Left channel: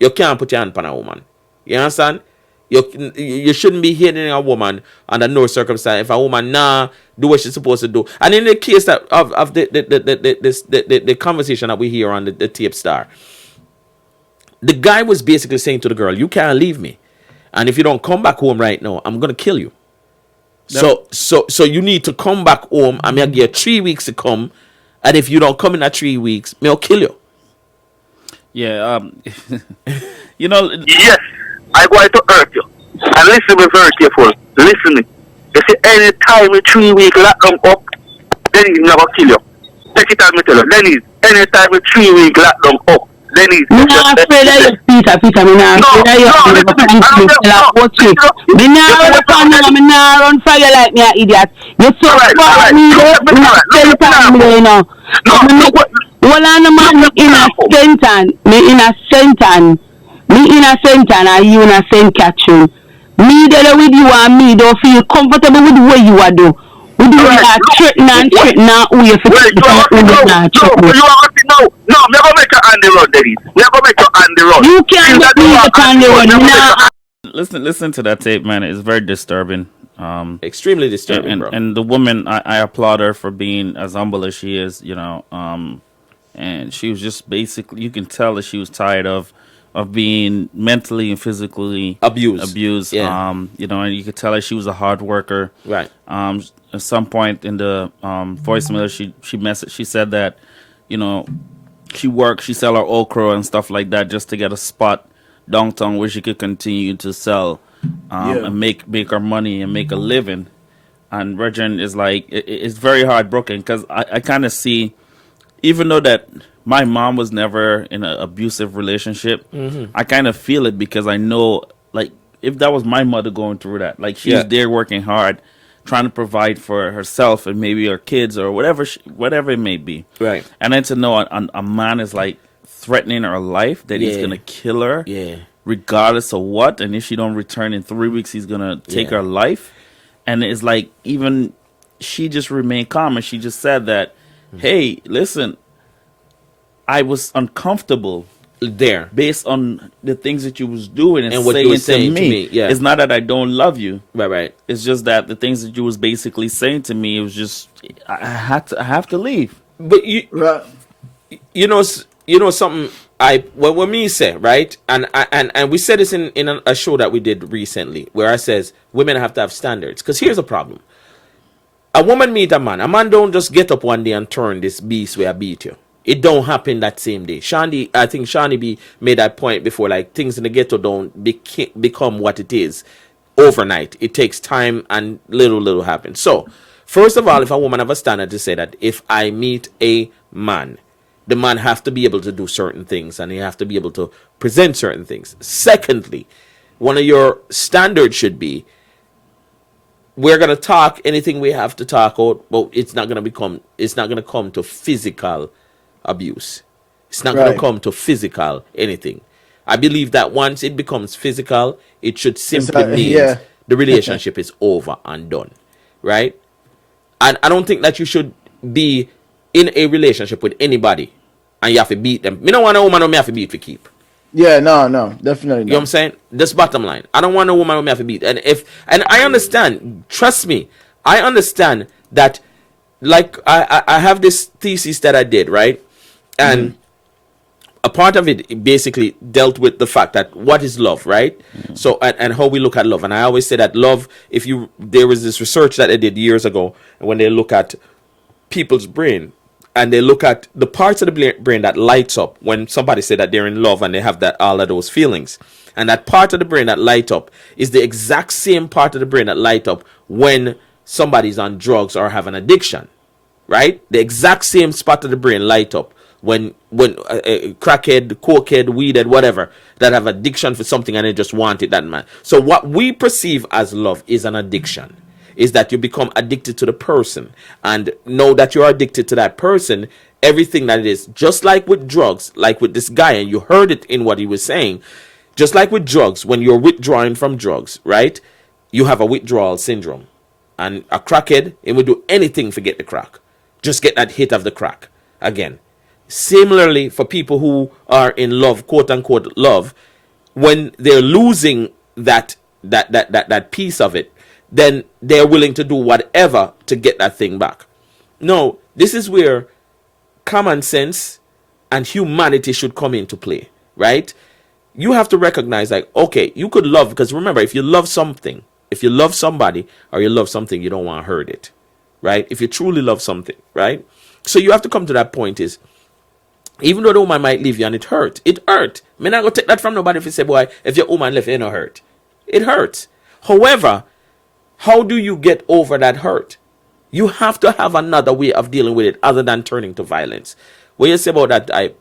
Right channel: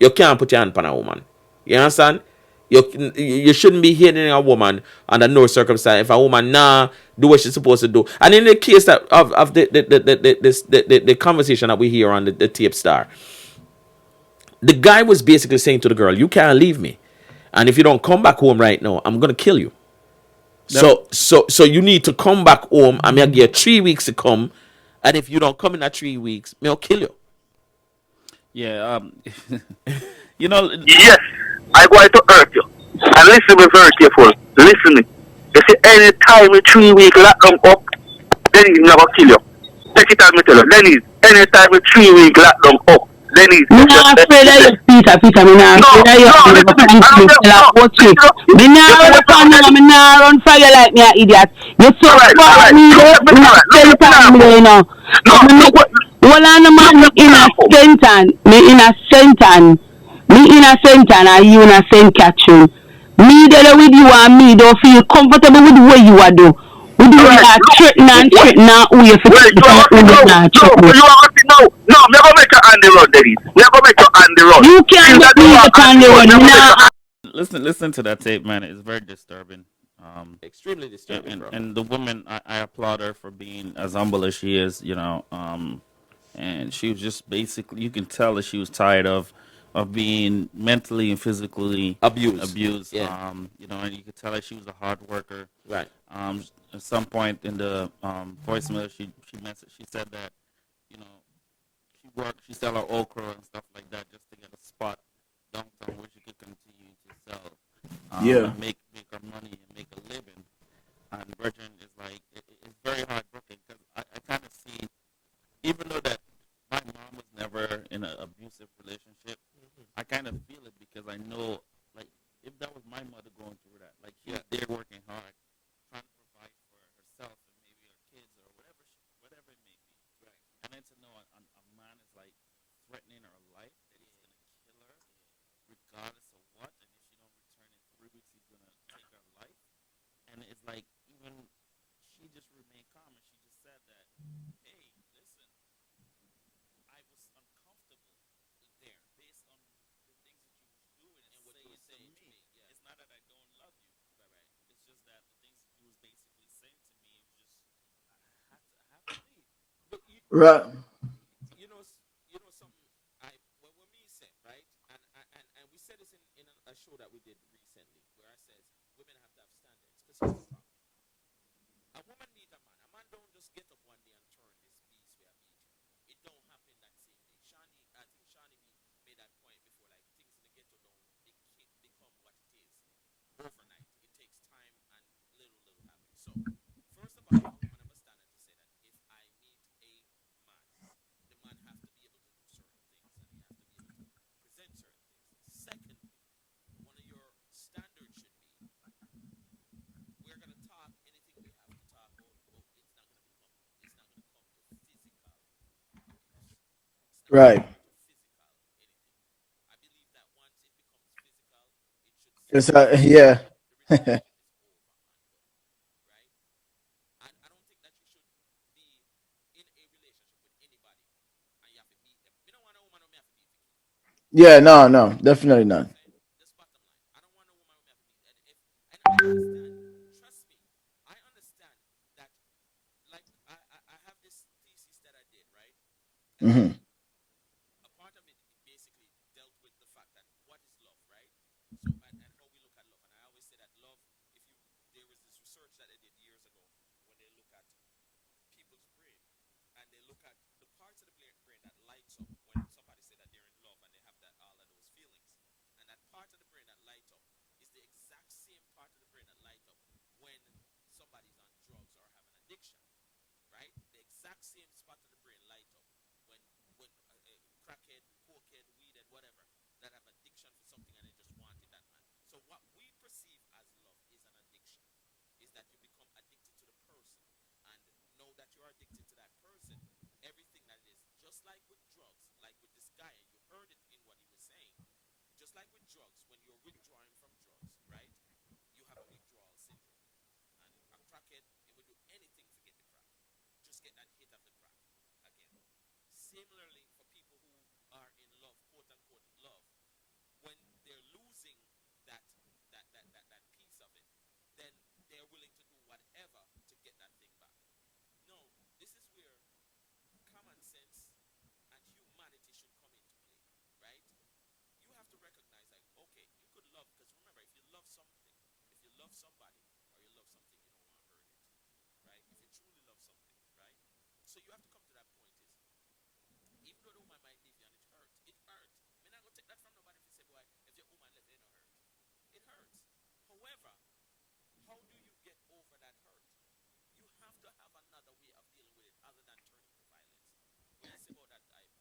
You can't put your hand on a woman. You understand? You shouldn't be hitting a woman under no circumstance. If a woman do what she's supposed to do, and in the case that of the conversation that we hear on the tape star, the guy was basically saying to the girl, "You can't leave me, and if you don't come back home right now, I'm gonna kill you. So you need to come back home. I'm gonna give you 3 weeks to come, and if you don't come in that 3 weeks, I'll kill you." Yeah, you know, Yes, I'm going to hurt you. And listen me very careful. Listen me. You see, any time in 3 weeks lock them up, then he's never kill you. Take it out, me tell you. Then he's any time in 3 weeks lock them up, then he's. Me not afraid of you, Peter. Me not afraid of you. I'm never going to tell her what you. Me not run upon you. Me not run for you like me an idiot. You so far me there. Me not tell time me you know. Well, I'm a man in a sentence. Me in a sentence. Me in a sentence and you in a sentence catching. Me there with you and me don't feel comfortable with the way you are do. We do that threaten who you feel not threaten. You are no, never make your hand the road, Dennis. Never make your hand the road. You can't make me on the road. listen to that tape, man. It's very disturbing. Extremely disturbing, and, bro. and the woman, I applaud her for being as humble as she is, you know. And she was just basically, you can tell that she was tired of being mentally and physically abused. Yeah. You know, and you could tell that she was a hard worker. Right. At some point in the voicemail, she said that, you know, she sell her okra and stuff like that just to get a spot downtown where she could continue to sell and make her money and make a living. And Regin is like, it's very heartbroken because I kind of see, even though that my mom was never in an abusive relationship, I kind of feel it because I know, like, if that was my mother going through that, like, she's there working hard, trying to provide for herself and maybe her kids or whatever it may be. Right. And then to know a man is, like, threatening her life, that he's going to kill her, regardless of what, and if she don't return in 3 weeks, he's going to take her life. And it's like, even she just remained calm, and she just said that, hey, listen, I was uncomfortable there based on the things that you was doing and what you were saying saying to me. Yeah. It's not that I don't love you. Right. It's just that the things that you was basically saying to me, it was just, I have to leave. But you know something. When me say, right, and we said this in a show that we did recently, where I says women have to have standards. Because here's a problem: a woman meet a man don't just get up one day and turn this beast where I beat you. It don't happen that same day. I think Shani B made that point before. Like, things in the ghetto don't become what it is overnight. It takes time, and little happens. So, first of all, if a woman have a standard to say that if I meet a man, the man have to be able to do certain things and he have to be able to present certain things. Secondly, one of your standards should be, we're gonna talk anything we have to talk about, but it's not gonna come to physical abuse. It's not going to come to physical anything. I believe that once it becomes physical, it should simply mean the relationship is over and done, right? And I don't think that you should be in a relationship with anybody and you have to beat them. Me don't want a woman who me have to beat for keep. Yeah, no, definitely not. You know what I'm saying? That's bottom line. I don't want a woman who me have to beat. And I understand, trust me, I understand that, like, I have this thesis that I did, right? And a part of it basically dealt with the fact that what is love, right? So, and how we look at love. And I always say that love, there was this research that I did years ago, when they look at people's brain, and they look at the parts of the brain that lights up when somebody say that they're in love and they have all of those feelings. And that part of the brain that light up is the exact same part of the brain that light up when somebody's on drugs or have an addiction, right? The exact same spot of the brain light up when crackhead, cokehead, weedhead, whatever, that have addiction for something and they just want it, that man. So what we perceive as love is an addiction. Is that you become addicted to the person, and know that you're addicted to that person, everything that it is. Just like with drugs, like with this guy, and you heard it in what he was saying, just like with drugs, when you're withdrawing from drugs, right, you have a withdrawal syndrome. And a crackhead, he would do anything to get the crack. Just get that hit of the crack again. Similarly, for people who are in love, quote unquote love, when they're losing that piece of it, then they're willing to do whatever to get that thing back. No, this is where common sense and humanity should come into play, right? You have to recognize, like, okay, you could love, because remember, if you love something, if you love somebody or you love something, you don't want to hurt it, right? If you truly love something, right? So you have to come to that point is, even though the woman might leave you and it hurt. Me not go take that from nobody if you say, boy, if your woman left, you not hurt. It hurts. However, how do you get over that hurt? You have to have another way of dealing with it other than turning to violence. What you say about that?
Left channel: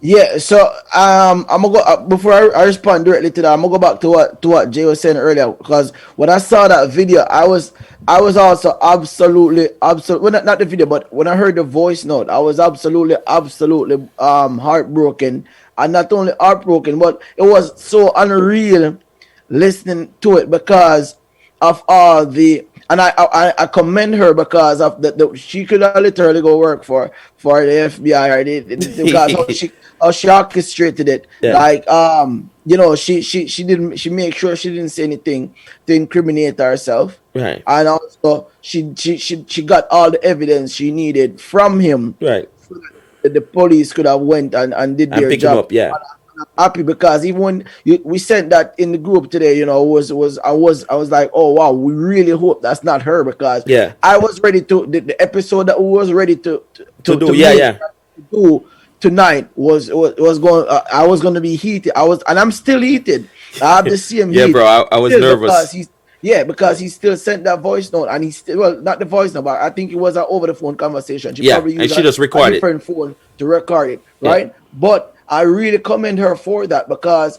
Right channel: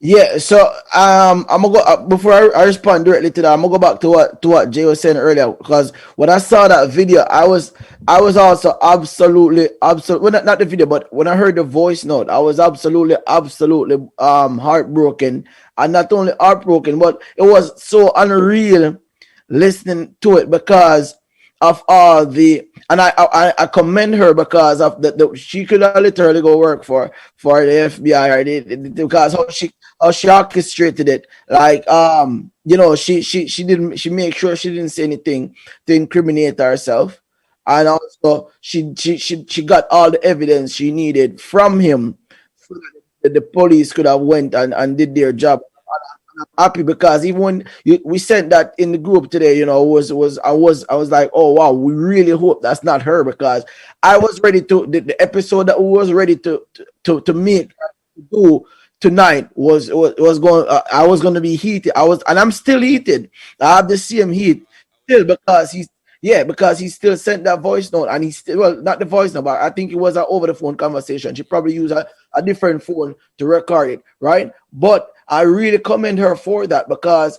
Yeah, so I'm gonna go before I respond directly to that. I'm gonna go back to what Jay was saying earlier, because when I saw that video, I was also absolutely well, not the video, but when I heard the voice note, I was absolutely heartbroken, and not only heartbroken, but it was so unreal listening to it because of all the, and I commend her because of she could literally go work for the FBI or because how she orchestrated it. Yeah. Like she made sure she didn't say anything to incriminate herself. Right. And also she got all the evidence she needed from him. Right. So that the police could have went and did their pick him job. up, yeah. I'm happy because even when we sent that in the group today, I was like, oh wow, we really hope that's not her, because Yeah. I was ready to the episode that we was ready to do tonight was going. I was going to be heated. And I'm still heated. I have the same Yeah, heat. bro, I was still nervous. because he still sent that voice note, and he still, well, not the voice note, but I think it was an over the phone conversation. She probably used just a recorded different phone to record it, right? But I really commend her for that, because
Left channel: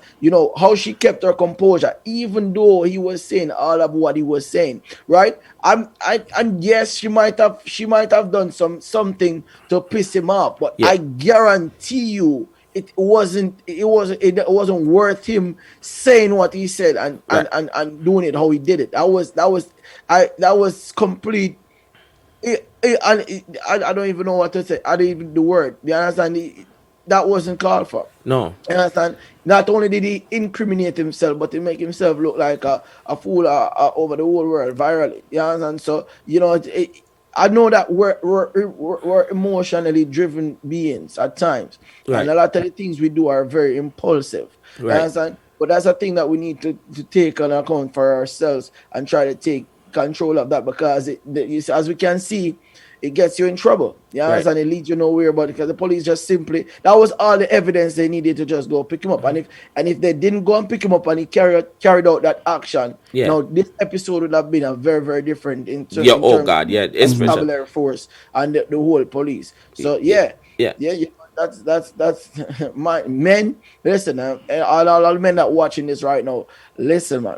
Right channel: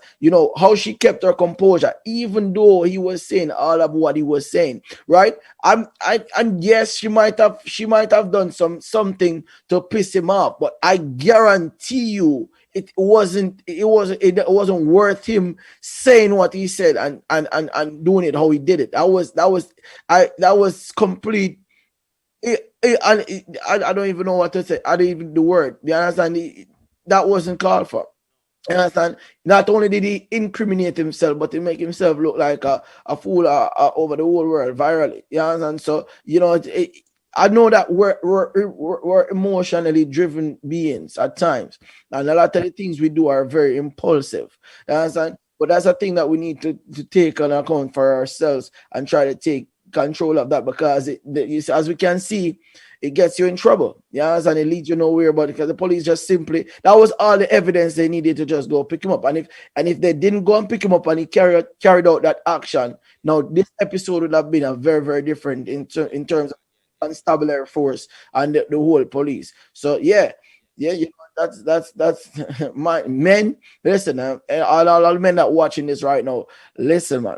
how she kept her composure, even though he was saying all of what he was saying, right? And yes, she might have done something to piss him off, but I guarantee you it wasn't worth him saying what he said and doing it how he did it. That was complete. I don't even know what to say. I don't even the word. You understand? That wasn't called for. No. You understand? Not only did he incriminate himself, but he make himself look like a fool over the whole world virally. You understand? So I know that we're emotionally driven beings at times, and a lot of the things we do are very impulsive. Right. You understand? But that's a thing that we need to take on account for ourselves and try to take control of that, because as we can see, it gets you in trouble. Yeah, right. And it leads you nowhere. But because the police just simply, that was all the evidence they needed to just go pick him up. And if they didn't go and pick him up and he carried out that action, now this episode would have been a very, very different in terms of constabulary force and the whole police. So that's my men. Listen, all men that watching this right now, listen, man,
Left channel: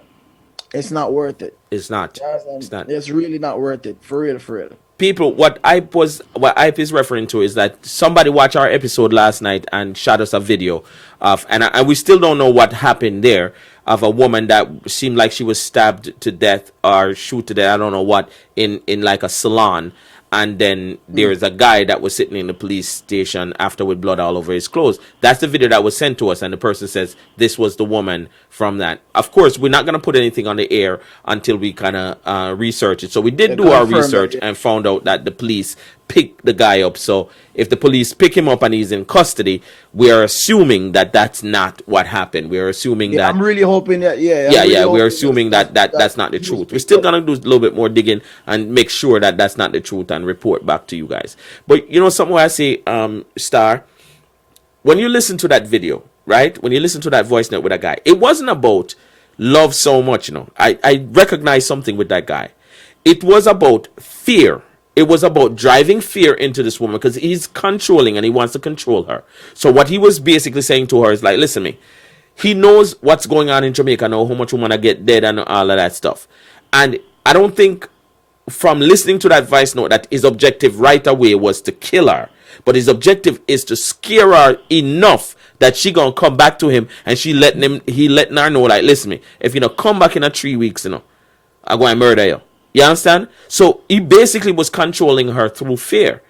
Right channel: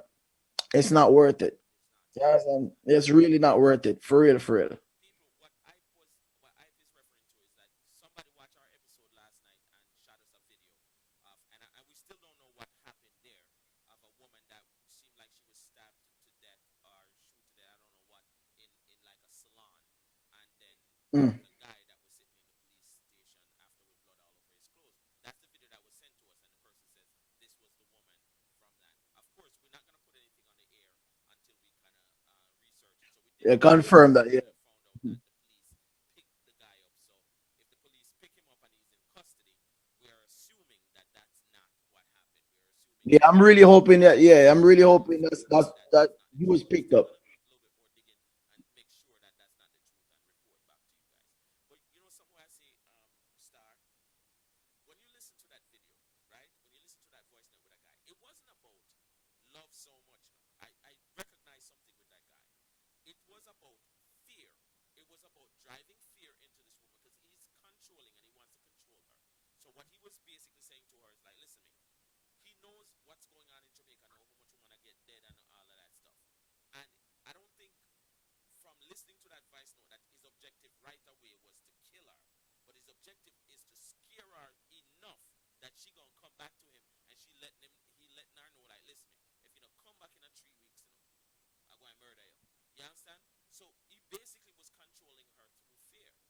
it's not worth it. It's not. It's really not worth it. For real. People, what Ipe is referring to is that somebody watched our episode last night and shot us a video of, and we still don't know what happened there, of a woman that seemed like she was stabbed to death or shoot to death, I don't know what, in like a salon. And then there's a guy that was sitting in the police station after with blood all over his clothes. That's the video that was sent to us, and the person says this was the woman from that. Of course, we're not going to put anything on the air until we kind of research it. So we did do our research and found out that the police picked the guy up. So if the police pick him up and he's in custody, we are assuming that that's not what happened. We are assuming that. I'm really hoping that. We're assuming that's not the truth. We're still gonna do a little bit more digging and make sure that that's not the truth and report back to you guys. But somewhere I say, Star, when you listen to that video, right? When you listen to that voice note with that guy, it wasn't about love so much. I recognize something with that guy. It was about fear. It was about driving fear into this woman because he's controlling and he wants to control her. So what he was basically saying to her is like, listen to me. He knows what's going on in Jamaica now, how much women are get dead and all of that stuff. And I don't think from listening to that voice note that his objective right away was to kill her. But his objective is to scare her enough that she gonna come back to him and he letting her know, like, listen to me, if you come back in 3 weeks, I'm going to murder you. You understand? So he basically was controlling her through fear.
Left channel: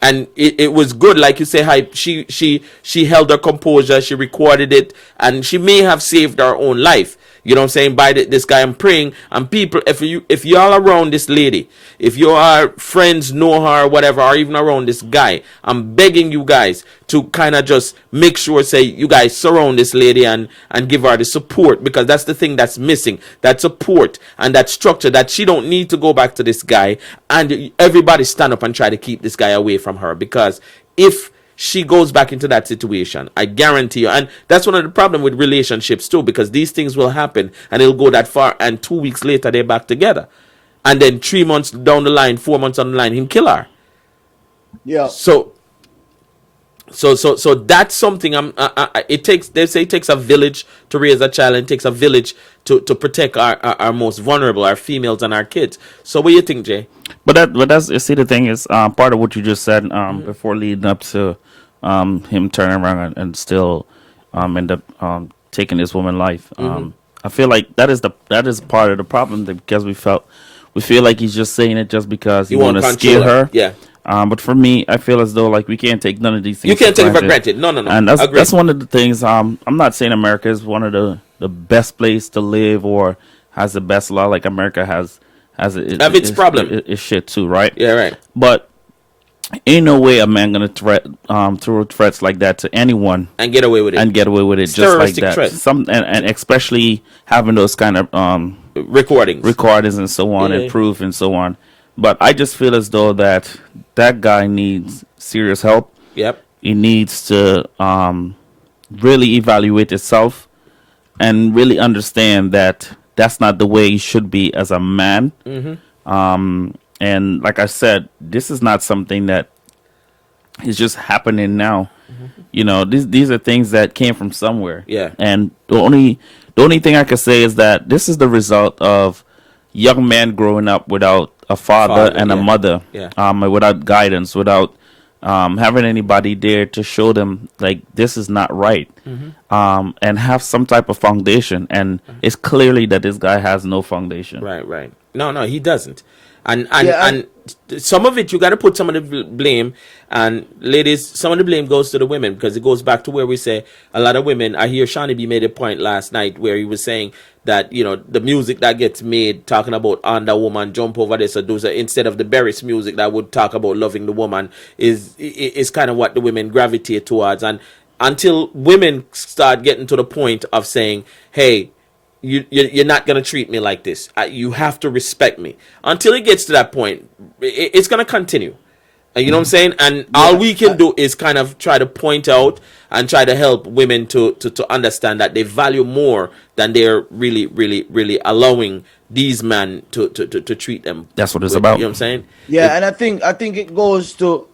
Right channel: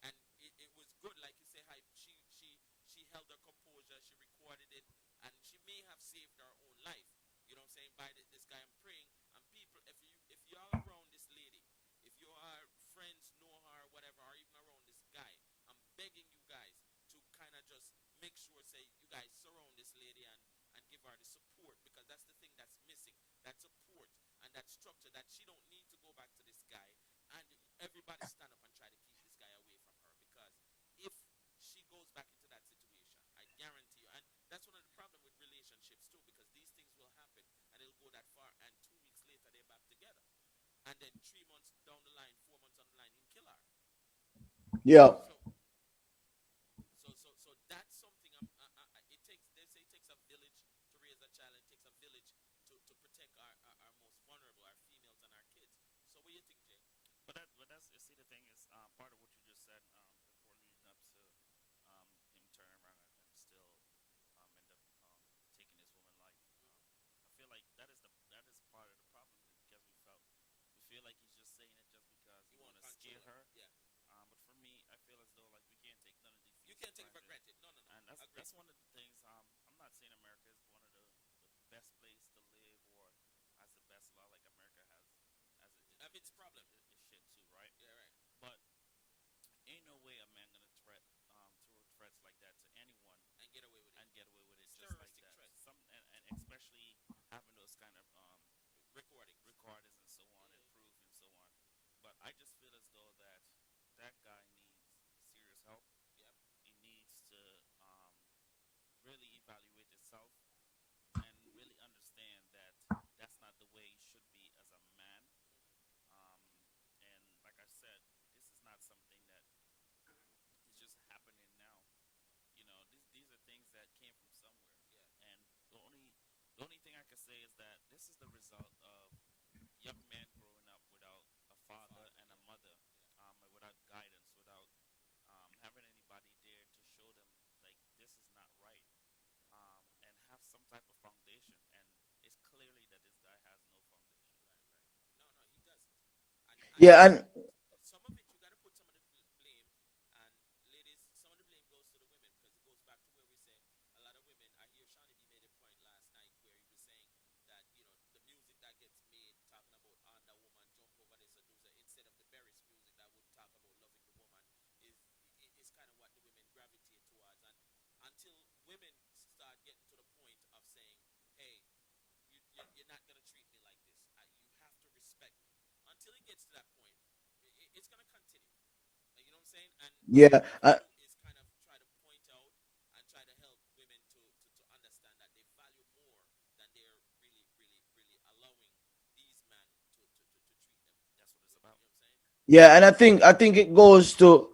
and it was good, like you say, hype. She held her composure, she recorded it, and she may have saved her own life. You know what I'm saying? By this guy, I'm praying. And people, if y'all around this lady, if your friends know her, whatever, or even around this guy, I'm begging you guys to kind of just make sure, say, you guys surround this lady and give her the support, because that's the thing that's missing. That support and that structure, that she don't need to go back to this guy, and everybody stand up and try to keep this guy away from her, because if she goes back into that situation, I guarantee you. And that's one of the problem with relationships too, because these things will happen and it'll go that far, and 2 weeks later they're back together, and then 3 months down the line, 4 months down the line, him kill her. Yeah. So that's something. It takes, they say, it takes a village to raise a child, and it takes a village to protect our most vulnerable, our females and our kids. So what do you think, Jay? But that's, you see, the thing is, part of what you just said before leading up to him turning around and still end up taking this woman's life. I feel like that is part of the problem, because we feel like he's just saying it just because he want to scare her. Yeah. But for me, I feel as though, like, we can't take none of these things. You can't take it for granted. No. And that's one of the things. I'm not saying America is one of the best place to live or has the best law. Like, America has its problem. It's shit too, right? Yeah, right. But ain't no way a man gonna throw threats like that to anyone And get away with it. just like that. Threat. And especially having those kind of recordings and so on, Yeah. and proof and so on. But I just feel as though that guy needs serious help. Yep. He needs to really evaluate himself and really understand that that's not the way he should be as a man. And like I said, this is not something that is just happening now. You know, these are things that came from somewhere. Yeah. And the only thing I can say is that this is the result of young men growing up without a father and a yeah. mother. Yeah. Without guidance, without having anybody there to show them, like, this is not right. And have some type of foundation. And it's clearly that this guy has no foundation. Right. No, he doesn't. And some of it, you got to put some of the blame. And ladies, some of the blame goes to the women, because it goes back to where we say a lot of women. I hear Shawnee B made a point last night where he was saying that, you know, the music that gets made talking about on the woman, jump over this or do so, instead of the Berris music that would talk about loving the woman, is kind of what the women gravitate towards. And until women start getting to the point of saying, hey, you're not going to treat me like this, you have to respect me, until it gets to that point, it's going to continue. You know what I'm saying? And all we can do is kind of try to point out and try to help women to understand that they value more than they're really, really, really allowing these men to treat them. That's what it's about. You know what I'm saying? Yeah, and I think it goes to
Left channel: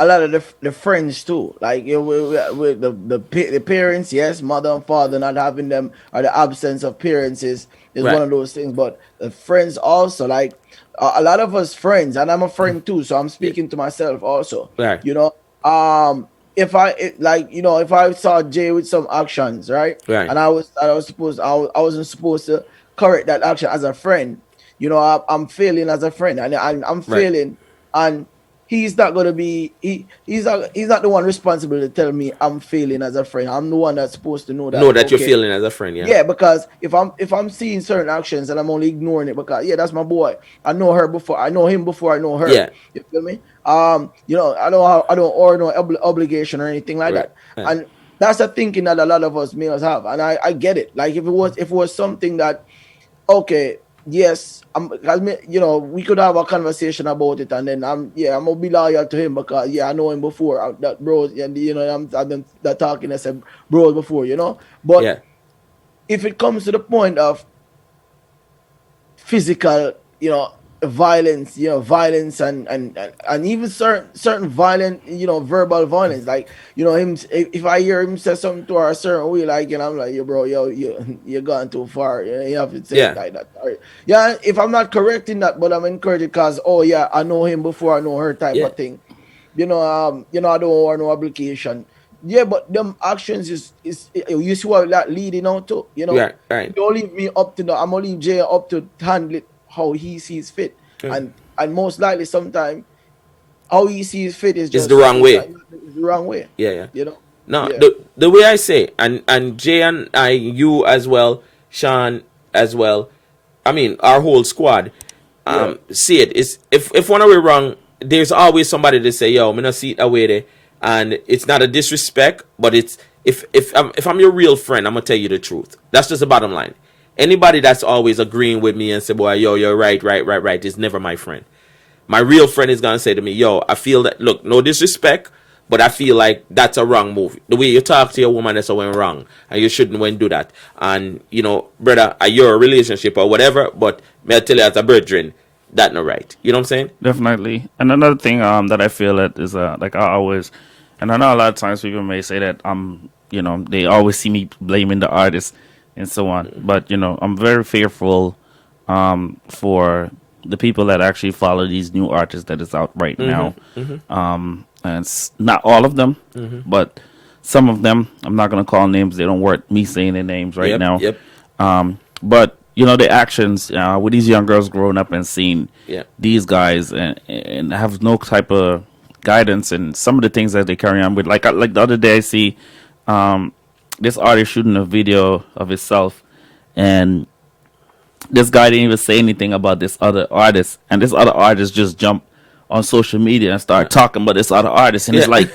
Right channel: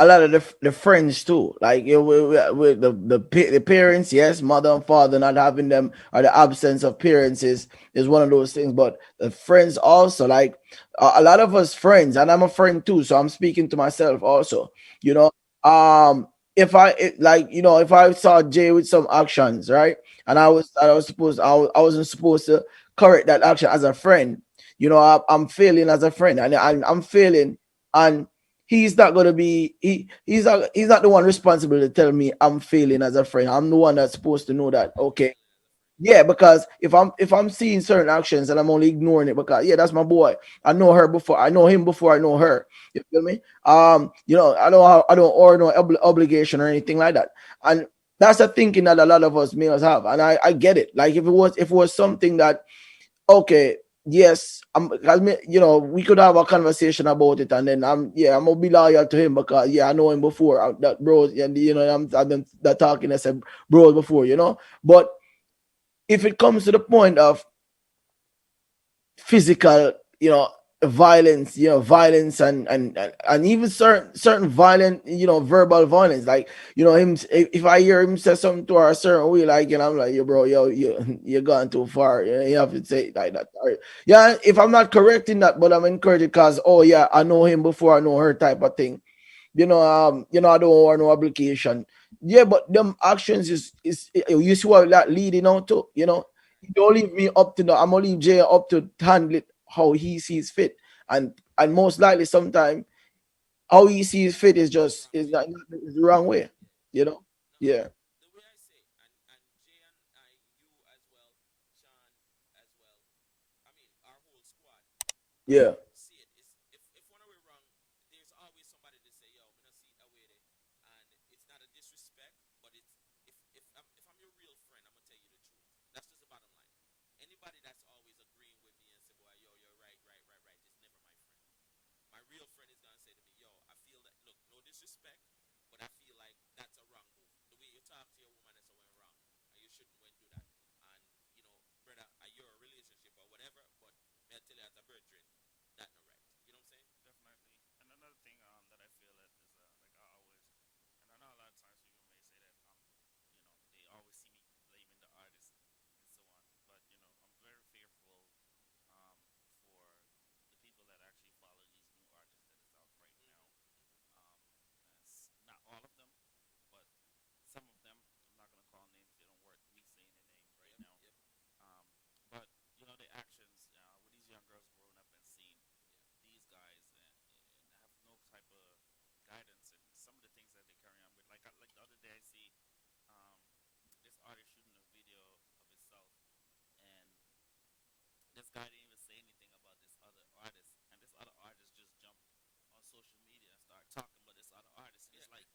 a lot of the friends too. Like, you know, with the parents, yes, mother and father not having them, or the absence of parents is Right. one of those things. But the friends also, like, a lot of us friends, and I'm a friend too, so I'm speaking to myself also. Right. You know, if I saw Jay with some actions, right, Right. and I wasn't supposed to correct that action as a friend. You know, I'm failing as a friend, and I'm failing, and he's not gonna be he's not the one responsible to tell me I'm failing as a friend. I'm the one that's supposed to know that. Know that okay, you're feeling as a friend. Yeah. yeah, because if I'm seeing certain actions and I'm only ignoring it because that's my boy. I know her before. I know him before I know her. Yeah. You feel me? You know, I don't owe no obligation or anything like that. Right. And that's the thinking that a lot of us males have. And I get it. Like, if it was something that, okay, yes, you know, we could have a conversation about it, and then I'm gonna be loyal to him because I know him before. That bros, and you know, I've been that talking as a bros before, you know. But Yeah. if it comes to the point of physical, you know, violence, and even certain violent, you know, verbal violence, like, you know, him, if I hear him say something to her a certain way, like, and I'm like, yo, bro, you're gone too far. You have to say it like that. All right. Yeah, if I'm not correcting that, but I'm encouraging because, I know him before I know her type of thing. You know, I don't owe no obligation. Yeah, but them actions is you see what that leading out to, you know. Right. Don't leave me up to I'm gonna leave Jay up to handle it how he sees fit. And most likely sometime how he sees fit is just the wrong way. It's the wrong way. Yeah, yeah. You know. No, Yeah. the way I say, and Jay and I, you as well, Sean as well. I mean, our whole squad. See it is if one of we wrong, there's always somebody to say, "Yo, me not see it away there," and it's not a disrespect, but it's if I'm your real friend, I'm gonna tell you the truth. That's just the bottom line. Anybody that's always agreeing with me and say, "Boy, yo, you're right," is never my friend. My real friend is gonna say to me, "Yo, I feel that. Look, no disrespect, but I feel like that's a wrong move. The way you talk to your woman, that's went wrong, and you shouldn't went do that. And you know, brother, your relationship or whatever, but may I tell you as a brethren, that not right. You know what I'm saying? Definitely. And another thing that I feel that is like I always, and I know a lot of times people may say that you know, they always see me blaming the artist and so on. But you know, I'm very fearful for the people that actually follow these new artists that is out right now. And it's not all of them, but some of them. I'm not gonna call names. They don't worth me saying their names right now. Yep. But you know, the actions with these young girls growing up and seeing these guys and have no type of guidance, and some of the things that they carry on with. Like the other day, I see this artist shooting a video of himself, and this guy didn't even say anything about this other artist, and this other artist just jumped on social media and start talking about this other artist, and it's like,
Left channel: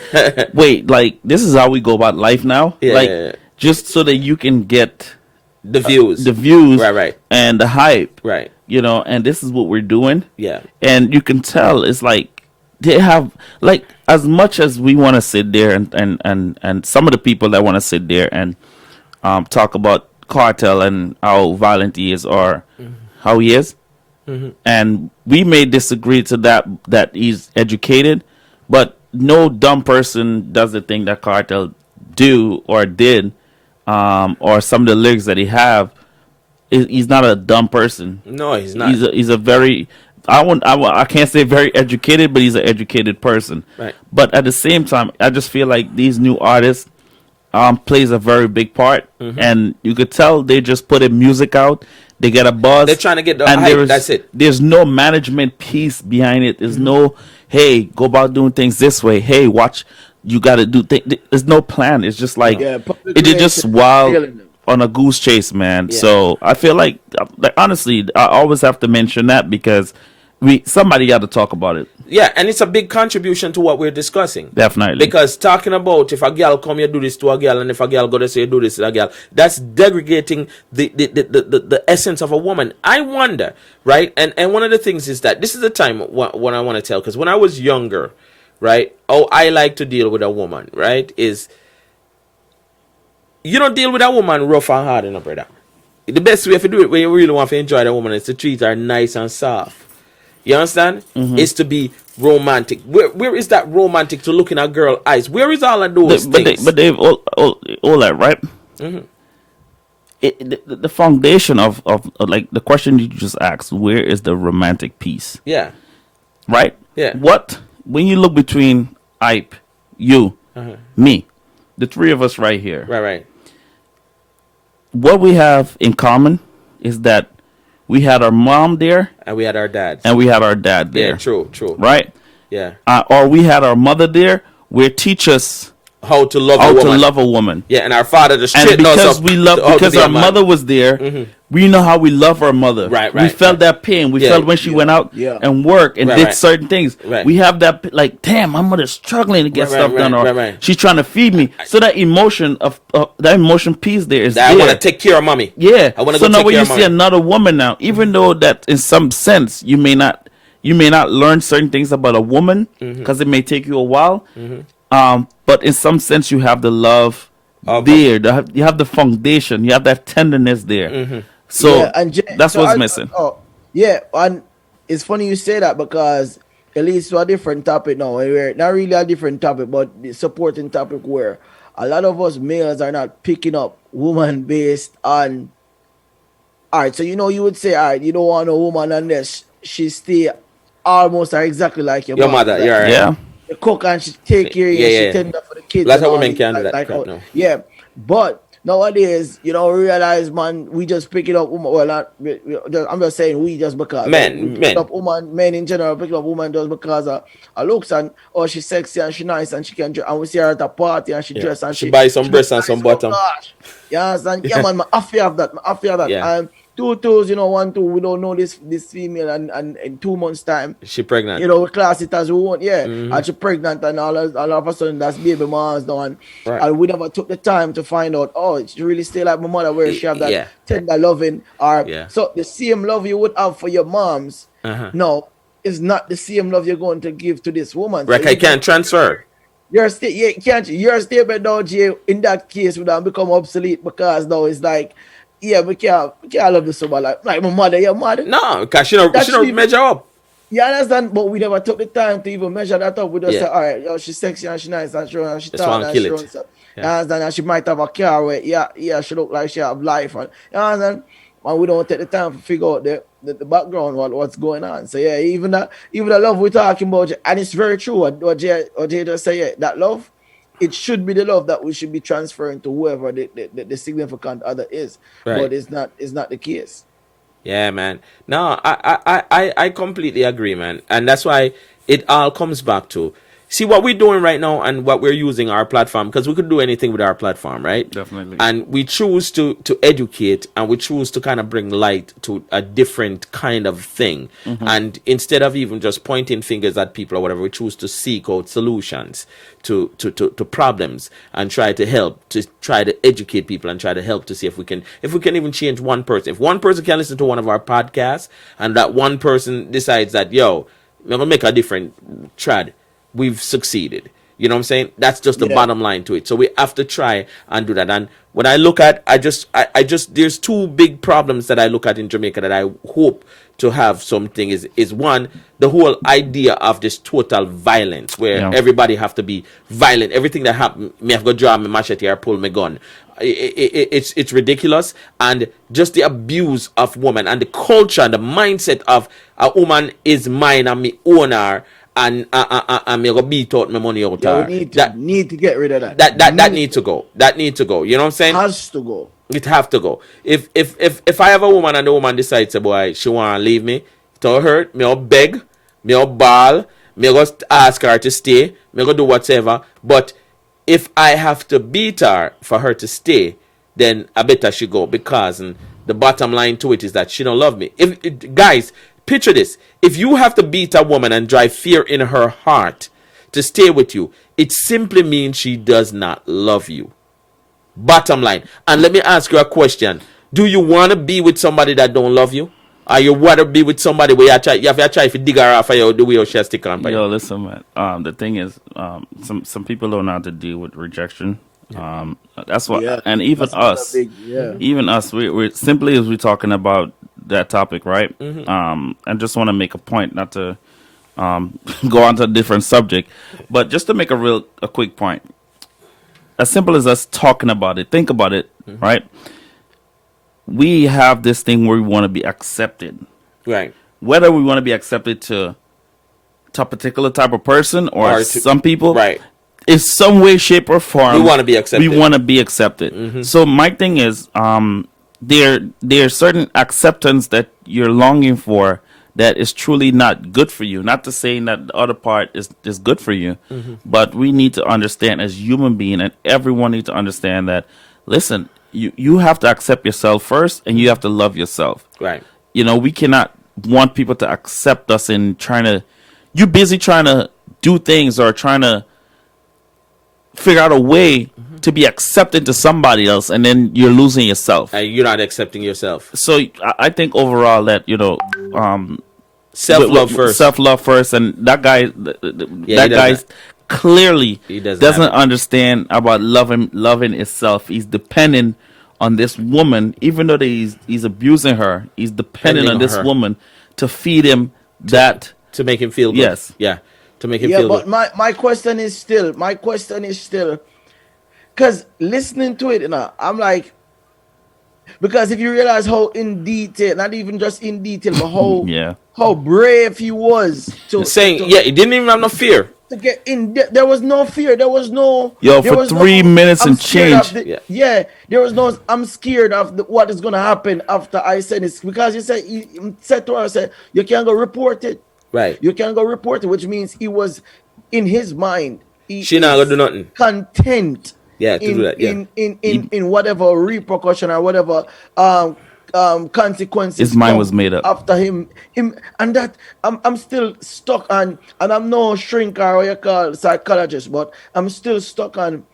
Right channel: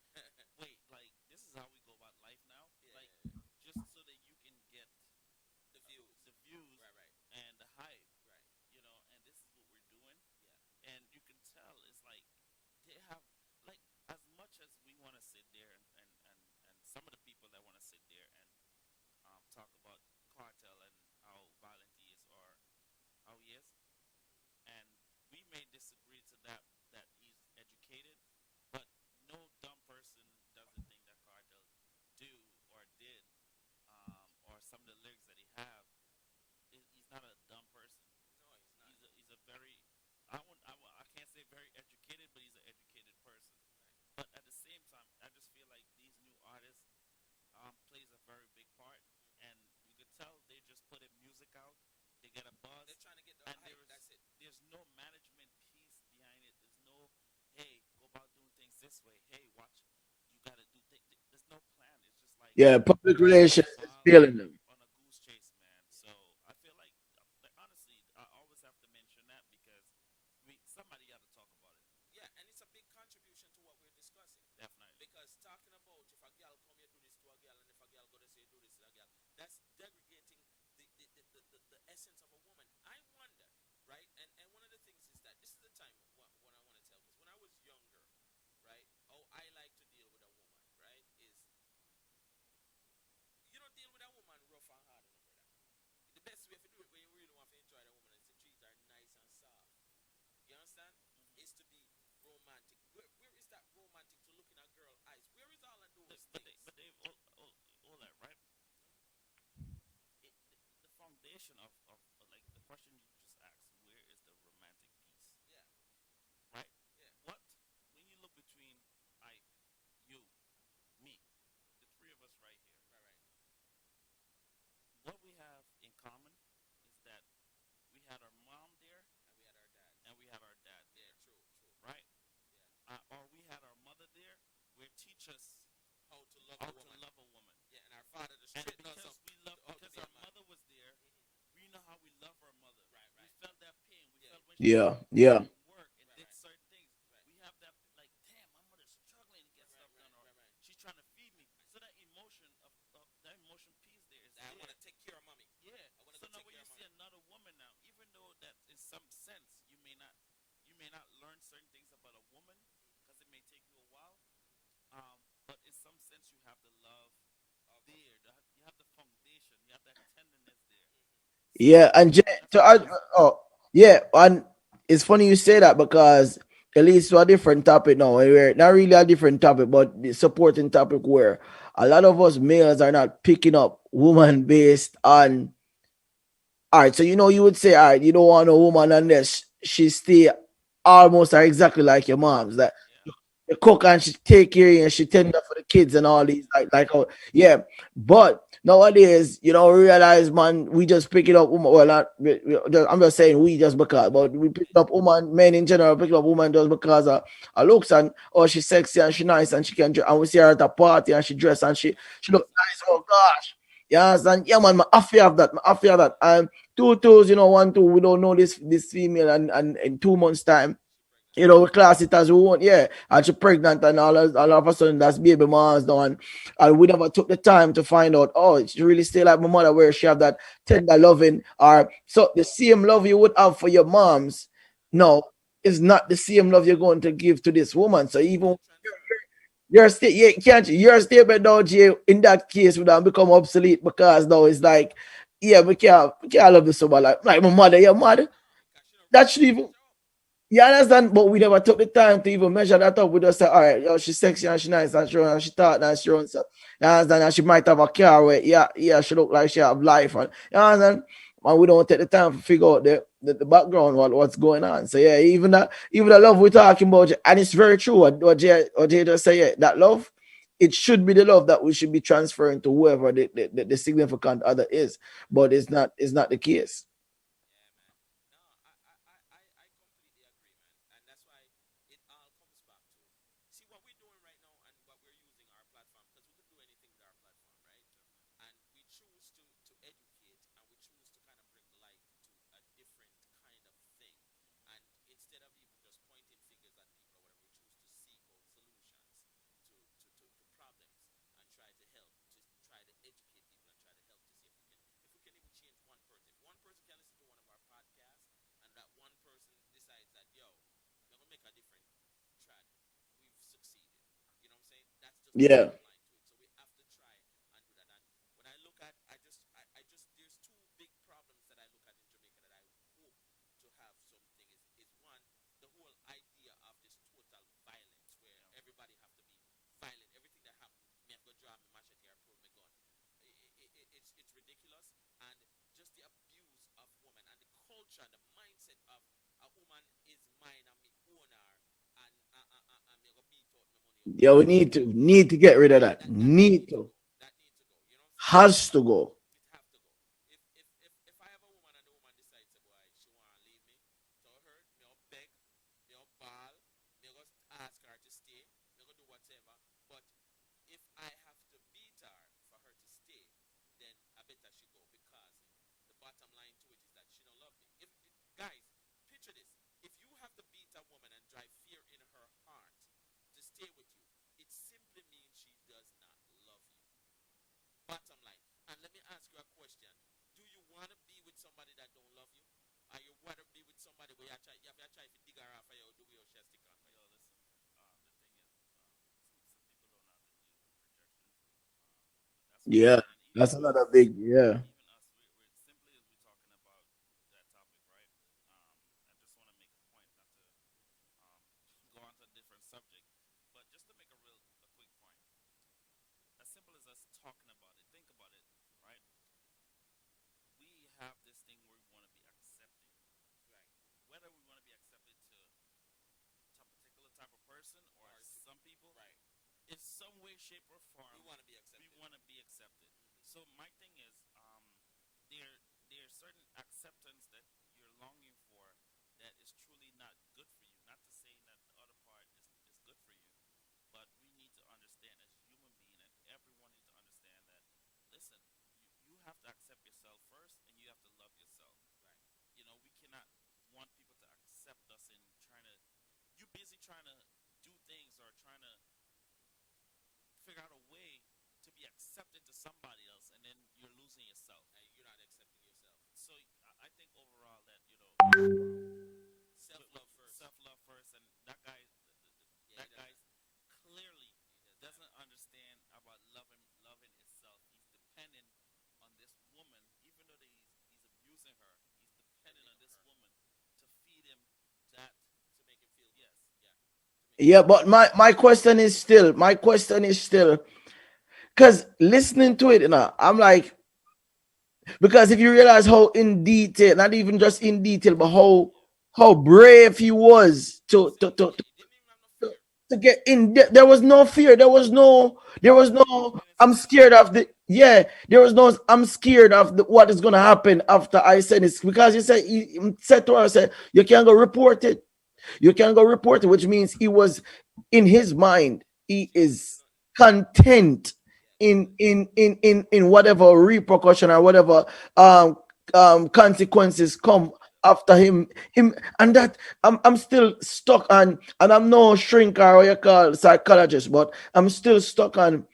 wait, like this is how we go about life now, just so that you can get the views, right, and the hype, right, you know, and this is what we're doing, yeah, and you can tell it's like they have like as much as we want to sit there and some of the people that want to sit there and talk about Cartel and how violent he is or how he is. And we may disagree to that he's educated, but no dumb person does the thing that Cartel do or did, or some of the lyrics that he have. He's not a dumb person. No, he's not. He's a very I can't say very educated, but he's an educated person. Right. But at the same time, I just feel like these new artists plays a very big part, and you could tell they just put music out. They get a buzz. They're trying to get the hype. That's it. There's no management piece behind it. There's no, hey, go about doing things this way. Hey, watch, you got to do things. There's no plan. It's just like, it is just wild on a goose chase, man. Yeah. So I feel like, honestly, I always have to mention that because somebody got to talk about it. Yeah, and it's a big contribution to what we're discussing. Definitely. Because talking about if a girl come you do this to a girl, and if a girl go to say you do this to a girl, that's degrading the essence of a woman. I wonder, right? And one of the things is that this is the time when I want to tell, because when I was younger, right, I like to deal with a woman, right, is you don't deal with a woman rough and hard, brother. The best way to do it when you really want to enjoy the woman is to treat her nice and soft. You understand? Is to be romantic. Where is that romantic to look in a girl's eyes? Where is all of those things? But they've all that, right? The foundation of like the question you just asked, where is the romantic piece? Yeah. Right? Yeah. When you look between Ipe, you, me, the three of us right here. Right. What we have in common is that we had our mom there. And we had our dad. And we had our dad there. Yeah, true. Right? Yeah. Or we had our mother there where teach us how to love a woman. Yeah, and our father just and because our mother was there, we know how we love our mother. Right. We felt that pain. We felt when she went out and worked and did certain things. Right. We have that like, damn, my mother's struggling to get stuff done, or she's trying to feed me. So that emotion piece there is that there. I want to take care of mommy. Yeah. I want to so go now take when care you of see mommy. another woman now, even though that in some sense you may not learn certain things about a woman because it may take you a while. But in some sense you have the love there. You have the foundation. You have that tenderness there. So that's what's missing. And it's funny you say that because it leads to a different topic now. We're not really a different topic, but the supporting topic where a lot of us males are not picking up woman based on. All right, so you would say, all right, you don't want a woman unless she stay almost or exactly like your mother. Like, right. Yeah. The cook and she take care of you, she tend up for the kids Like and all women can do that. Yeah. But nowadays, realize, man, we just pick it up. Well, I'm just saying we just because we pick Men. up woman, men in general pick up woman just because of her looks and she's sexy and she's nice and she can dress, and we see her at a party and she dress and She buy some breasts and looks some nice. bottom. Gosh. Yes, and yeah, man, I fear of that. I fear that. Yeah. And 2 twos, 1 2, we don't know this female, and in 2 months time, She pregnant. we class it as we want, and she pregnant, and all of a sudden that's baby mom's done, Right. and we never took the time to find out, she really still like my mother, where she have that Yeah. tender loving, or Yeah. so the same love you would have for your moms, Uh-huh. no, is not the same love you're going to give to this woman. Right, So I you can't transfer. your statement now, Jay, in that case would have become obsolete, because now it's like, we can't love this someone like my mother, your mother. No, because she don't That's measure up. You understand? But we never took the time to even measure that up. We just Yeah. say, all right, she's sexy and she's nice and she Just tall wanna and kill she it. runs. You Yeah. understand? And she might have a car where, she look like she have life. And you understand? And we don't take the time to figure out the background, what's going on. So yeah, even the love we're talking about, and it's very true. What Jay just say, that love, it should be the love that we should be transferring to whoever the significant other is. Right. But it's not the case. Yeah, man. No, I completely agree, man. And that's why it all comes back to see what we're doing right now and what we're using our platform, because we could do anything with our platform, right? Definitely. And we choose to educate, and we choose to kind of bring light to a different kind of thing. And instead of even just pointing fingers at people or whatever, we choose to seek out solutions to problems and try to educate people and try to help to see if we can even change one person. If one person can listen to one of our podcasts and that one person decides that, yo, I'm gonna make a different trad, we've succeeded. You know what I'm saying? That's just the Yeah. bottom line to it. So we have to try and do that. And when I look at, I just there's 2 big problems that I look at in Jamaica that I hope to have something is one, the whole idea of this total violence where Yeah. everybody have to be violent. Everything that happen, me have to draw my machete or pull my gun. It's ridiculous. And just the abuse of women and the culture and the mindset of a woman is mine and me own her, and me go beat out my money out. Yeah, her. we need to get rid of that. That need to go. That need to go. You know what I'm saying? Has to go. It have to go. If I have a woman and the woman decides, boy, she wanna leave me, to hurt, me I'll beg, me I'll bawl, me go ask her to stay, me go do whatever. But if I have to beat her for her to stay, then I better she go, because the bottom line to it is that she don't love me. Guys, picture this: if you have to beat a woman and drive fear in her heart to stay with you, it simply means she does not love you. Bottom line. And let me ask you a question: do you want to be with somebody that don't love you? Or you want to be with somebody where you have to try to dig her off of you, the way you shall stick on by you? Yo, listen, man. The thing is, some people don't know how to deal with rejection. That's what, Yeah, and even that's another us, big. even us, we're simply as we're talking about that topic, right? I just want to make a point, not to go on to a different subject, but just to make a quick point. As simple as us talking about it, think about it, right? We have this thing where we want to be accepted. Right. Whether we want to be accepted to a particular type of person or to- some people, Right. in some way, shape, or form, We wanna be accepted. We want to be accepted. So my thing is, there's certain acceptance that you're longing for that is truly not good for you. Not to say that the other part is good for you, but we need to understand as human being, and everyone needs to understand that. Listen, you have to accept yourself first, and you have to love yourself. Right. We cannot want people to accept us in you're busy trying to do things or trying to figure out a way to be accepted to somebody else, and then you're losing yourself. You're not accepting yourself. So I think overall that, Self-love first. Self-love first, and that guy, he that guy doesn't. clearly He doesn't doesn't have it. understand about loving itself. He's dependent on this woman, even though he's abusing her. He's dependent Depending on on this her. woman to feed him that. To make him feel good. Yes. Yeah. To make him Yeah, feel but good. my question is still, because listening to it, I'm like, because if you realize how in detail, not even just in detail, but how Yeah. how brave he was to Saying, to- yeah, he didn't even have no fear. to get in. There was no fear. There was no. Yo, there for was 3 minutes I'm and scared change. of the. Yeah. Yeah, there was no. I'm scared of what is gonna happen after I said this because he said to her, said you can't go report it. Right. You can't go report it, which means he was in his mind. She not gonna do nothing. Content. Yeah, to in do that, yeah. in whatever repercussion or whatever consequences His mind come was made up. after him and that I'm still stuck on, and I'm no shrink or what you call psychologist, but I'm still stuck on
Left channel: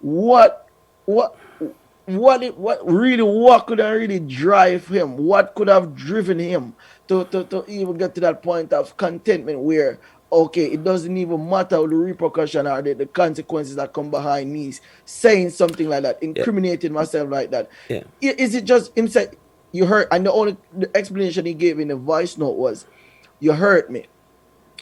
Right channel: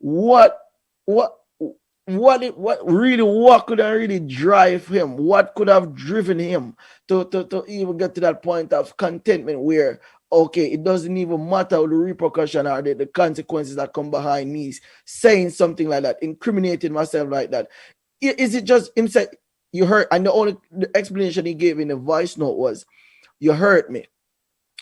what could have really drive him, what could have driven him to even get to that point of contentment where okay, it doesn't even matter the repercussion or the consequences that come behind me saying something like that, incriminating myself like that. Yeah. Is it just him say you hurt? And the explanation he gave in the voice note was you hurt me.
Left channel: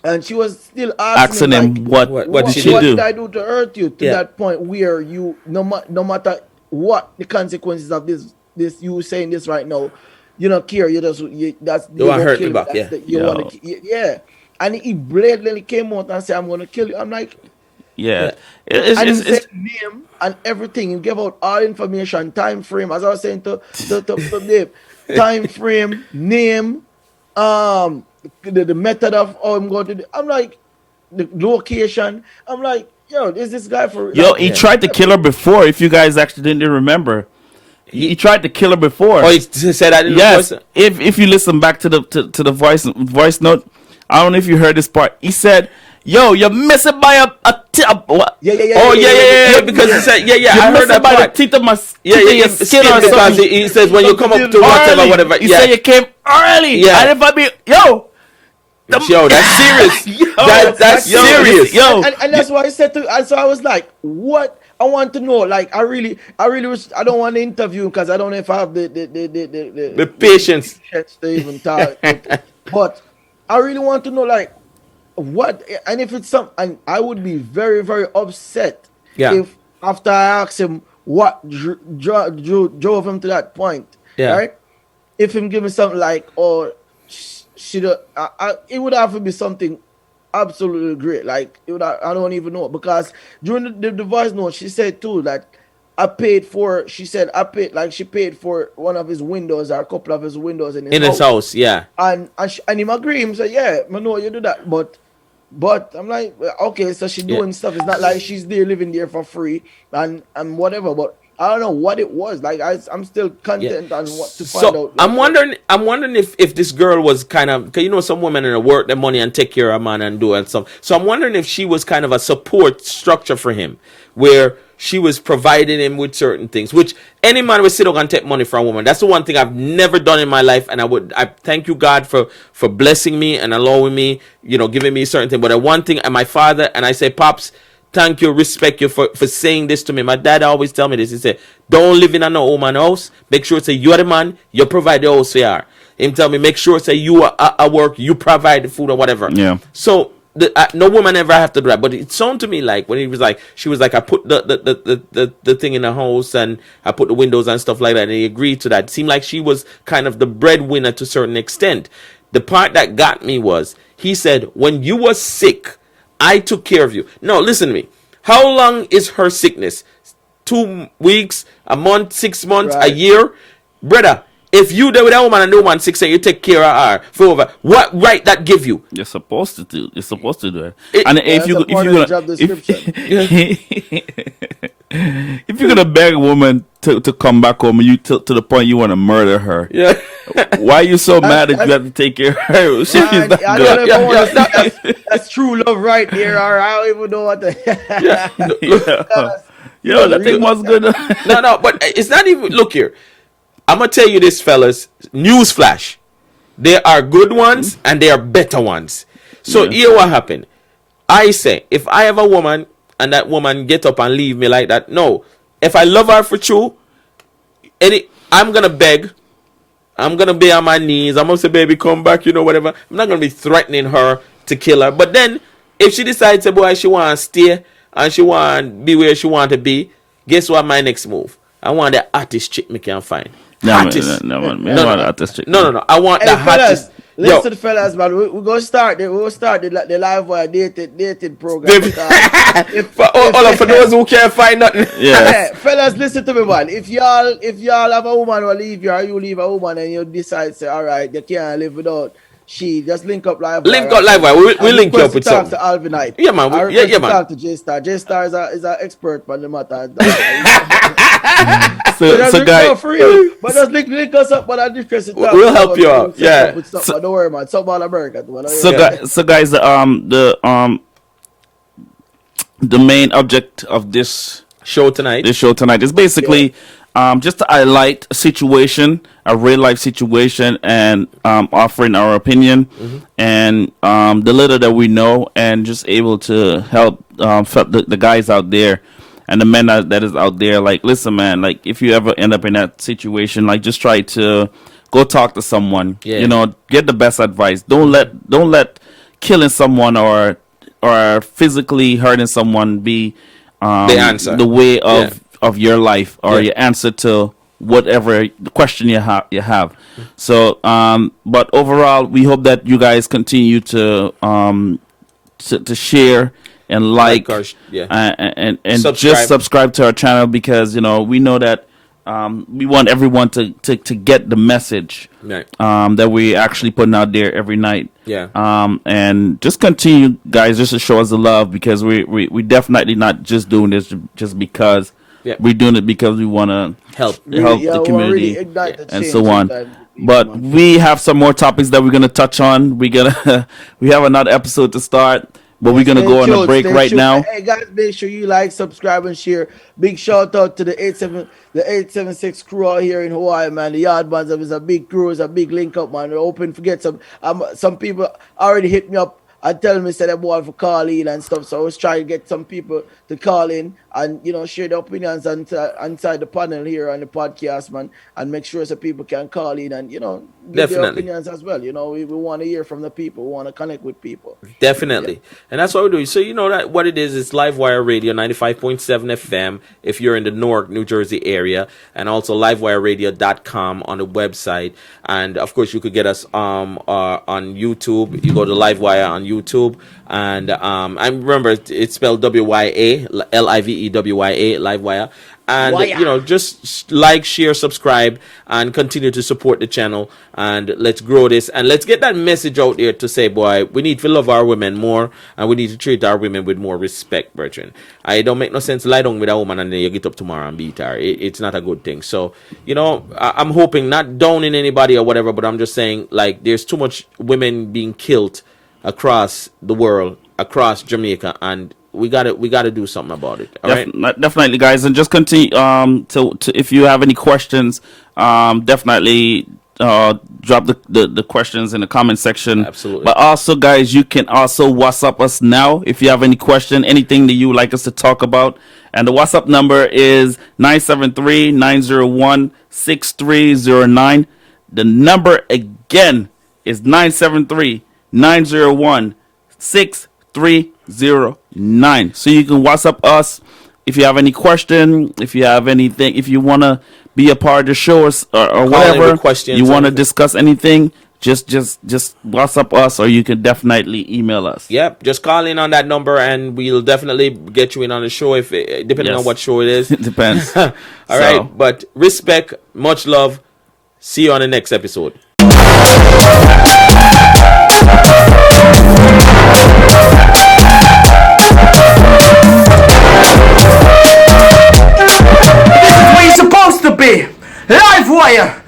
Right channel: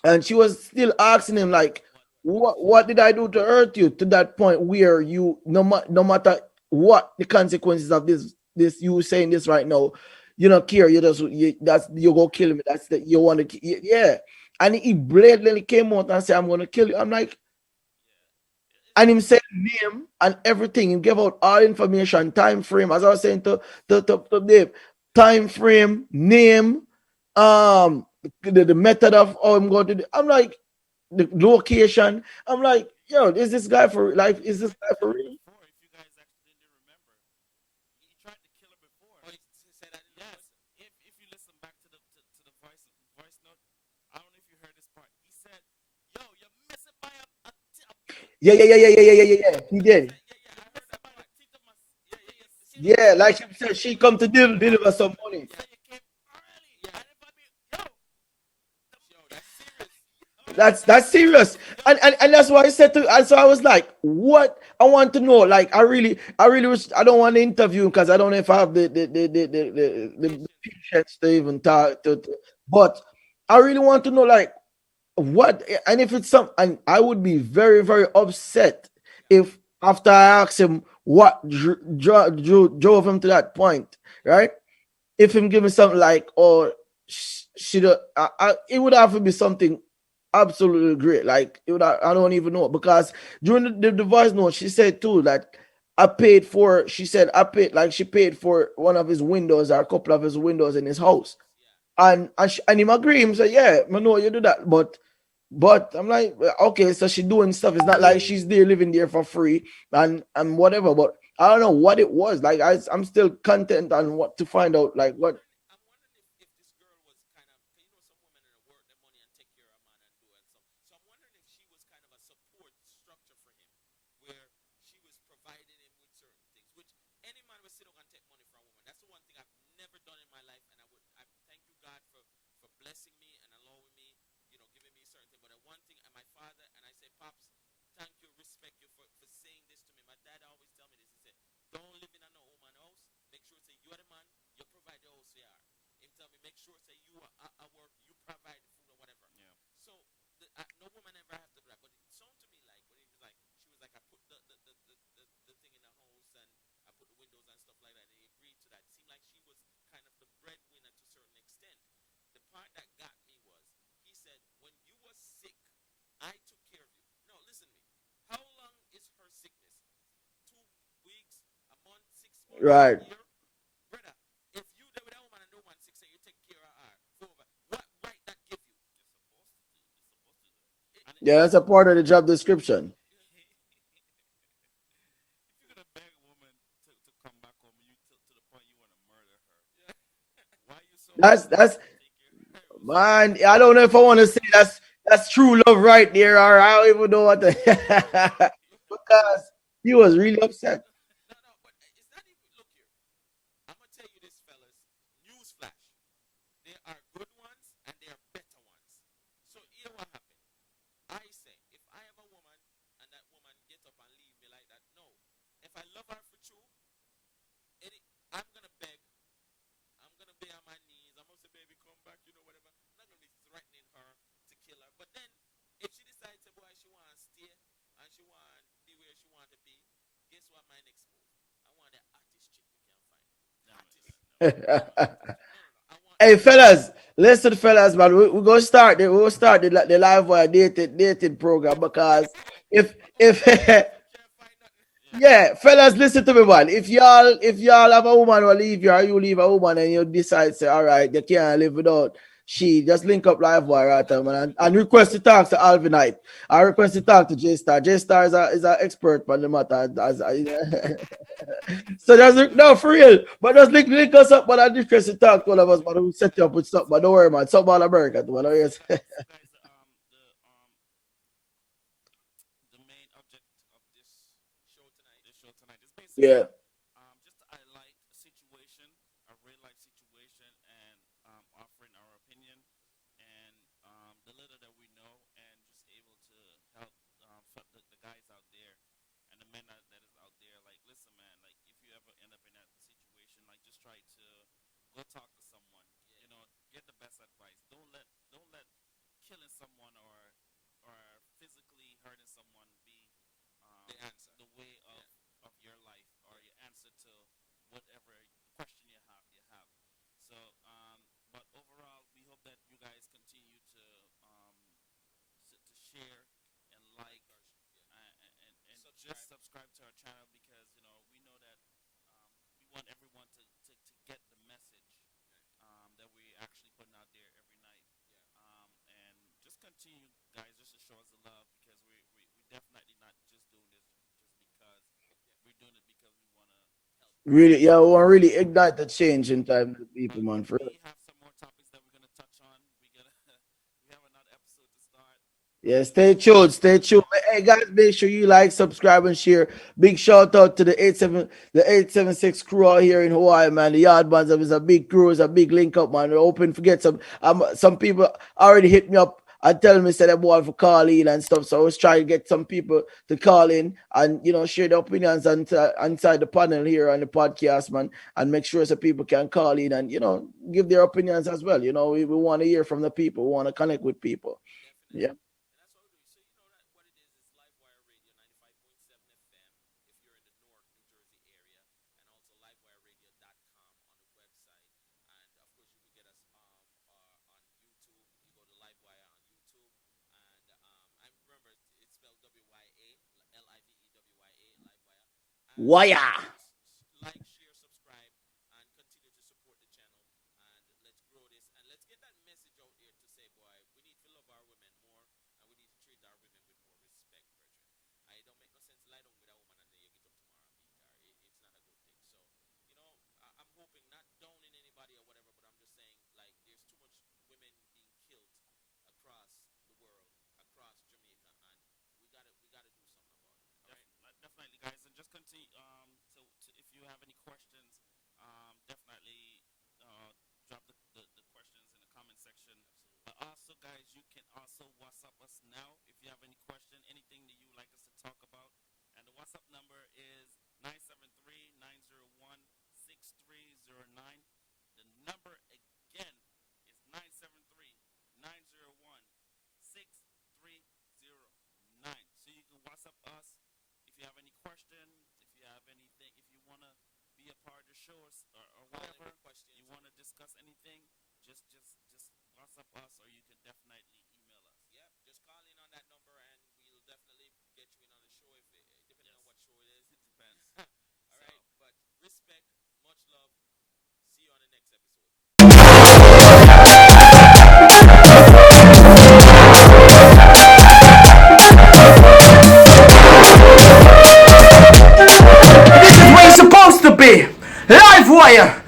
And she was still asking him like what did I do to hurt you to that point where you no matter what the consequences of this you saying this right now, you don't care, you want to kill me. And he blatantly came out and said, I'm going to kill you. I'm like, yeah. And he said name and everything. He gave out all information, time frame. As I was saying to Dave, time frame, name, the method of how I'm going to do. I'm like, the location. I'm like, yo, is this guy for? Yo, he tried to kill her before. If you guys actually didn't remember, he tried to kill her before. Oh, he said I didn't. Yes. If you listen back to the voice note. I don't know if you heard this part. He said, "Yo, you're missing by a what? Yeah. Because he said, I heard that by part. the teeth of my Yeah. skin or something." He said when you come up to whatever. He said you came early. Yeah. And if I be yo, that's serious. Yo, that's serious. Yo, and that's why I said to. And so I was like, what? I want to know. Like, I really was. I don't want to interview because I don't know if I have the patience to even talk. But I really want to know, like, what, and if it's and I would be very, very upset if after I asked him what drove him to that point, right? If him give me something like, or it would have to be something absolutely great. Like, I don't even know, because during the voice note, she said too that she paid for one of his windows or a couple of his windows in his house. Yeah. And him agree. Him say, yeah, I know you do that. But I'm like, okay, so she doing stuff. It's not like she's there living there for free and whatever. But I don't know what it was. Like, I'm still content on what to find out. Like, I'm wondering if this girl was kind of, because you know some women in work their money and take care of a man and do and stuff. So I'm wondering if she was kind of a support structure for him, where she was providing him with certain things, which any man would sit down and take money from a woman. That's the one thing I've never done in my life, and I thank you, God, for blessing me and allowing me, giving me certain things. But the one thing, and my father, and I say, Pops, thank you, respect you for saying this to me. My dad always tell me this. He said, don't live in a no woman house. Make sure say you're the man, you provide the house for you. Him tell me, make sure say you are at work, you provide the food or whatever. Yeah. So no woman ever have to do that, but it sounded to me like when he was like, she was like, I put the thing in the house and I put the windows and stuff like that, and he agreed to that. It seemed like she was kind of the breadwinner to a certain extent. The part that got me was he said, when you were sick, I took care of you. No, listen to me. How long is her sickness? 2 weeks, a month, 6 months, a year, brother? If you there with that woman and the woman 6 and you take care of her for over, what right that give you? You're supposed to do. You're supposed to do it. And if you part of the job description. If you're gonna beg a woman to come back home, you to the point you want to murder her. Yeah. Why are you so mad that you have to take care of her? Man, I don't know if I want to say that's true love right there, or I don't even know what the. That thing was good. No, but it's not even. Look here. I'm going to tell you this, fellas. Newsflash. There are good ones and there are better ones. So here what happened. I say, if I have a woman and that woman get up and leave me like that, no. If I love her for true, I'm going to beg. I'm going to be on my knees. I'm going to say, baby, come back, whatever. I'm not going to be threatening her to kill her. But then, if she decides, boy, she want to stay and she want to be where she want to be, guess what my next move? I want the hottest chick me can find. No. I want Hey, the fellas, Listen, fellas, man, we're gonna start the live wire dating program because for those who can't find nothing. yeah, fellas, listen to me, man. If y'all have a woman who leave you, or you leave a woman and you decide say, all right, you can't live without she, just link up live wire. Link up live wire. We'll link you up with talk to Alvinite. Yeah, man. I request yeah, to man. talk to J-Star. J-Star is an expert on the matter. So guys, no, for real. But just link us up, but I request to talk. We'll help you out. Yeah. Up with something. Don't worry, man. Something all America. So guys, the main object of this show tonight is basically just to highlight a situation, a real life situation, and offering our opinion and the little that we know, and just able to help the guys out there and the men that is out there. Like, listen, man, like if you ever end up in that situation, like just try to go talk to someone. Yeah. You know, get the best advice. Don't let killing someone or physically hurting someone be the answer, the way of your life, or your answer to whatever question you have. So but overall, we hope that you guys continue to share and like and subscribe. Just subscribe to our channel, because we know that we want everyone to get the message that we actually putting out there every night. And just continue, guys, just to show us the love, because we definitely not just doing this just because. We're doing it because we want to help the community, really ignite the change, and so on. But we have some more topics that we're gonna touch on. We have another episode to start, but we're gonna go on a break right now. Hey guys, make sure you like, subscribe, and share. Big shout out to the 876 crew out here in Hawaii, man. The Yardbands is a big crew, is a big link up, man. We're hoping to get some people already hit me up and tell me say they want to call in and stuff. So I was trying to get some people to call in and share their opinions inside the panel here on the podcast, man, and make sure so people can call in and give their opinions as well. We want to hear from the people. We want to connect with people. Definitely. And that's what we're doing. So that what it is Livewire Radio 95.7 FM if you're in the Newark, New Jersey area, and also livewireradio.com on the website. And of course you could get us on YouTube. You go to Livewire on YouTube, and I remember it's spelled W-Y-A, L-I-V-E-W-Y-A, Livewire. And just like, share, subscribe, and continue to support the channel, and let's grow this, and let's get that message out there to say, boy, we need to love our women more, and we need to treat our women with more respect, brethren. I don't make no sense lie down with a woman and then you get up tomorrow and beat her. It's not a good thing. So I'm hoping, not downing anybody or whatever, but I'm just saying, like, there's too much women being killed across the world, across Jamaica, and we gotta do something about it. All right? Definitely, guys, and just continue to if you have any questions, definitely drop the questions in the comment section. Absolutely. But also, guys, you can also WhatsApp us now if you have any question, anything that you would like us to talk about. And the WhatsApp number is 973-901-6309. The number again is 973-901-6309. So you can WhatsApp us if you have any question, if you have anything, if you want to be a part of the show or whatever, you want to discuss anything, just WhatsApp us, or you can definitely email us. Yep, just call in on that number and we'll definitely get you in on the show, if depending on what show it is. It depends. All right, but respect, much love. See you on the next episode. This is where you're supposed to be. Livewire.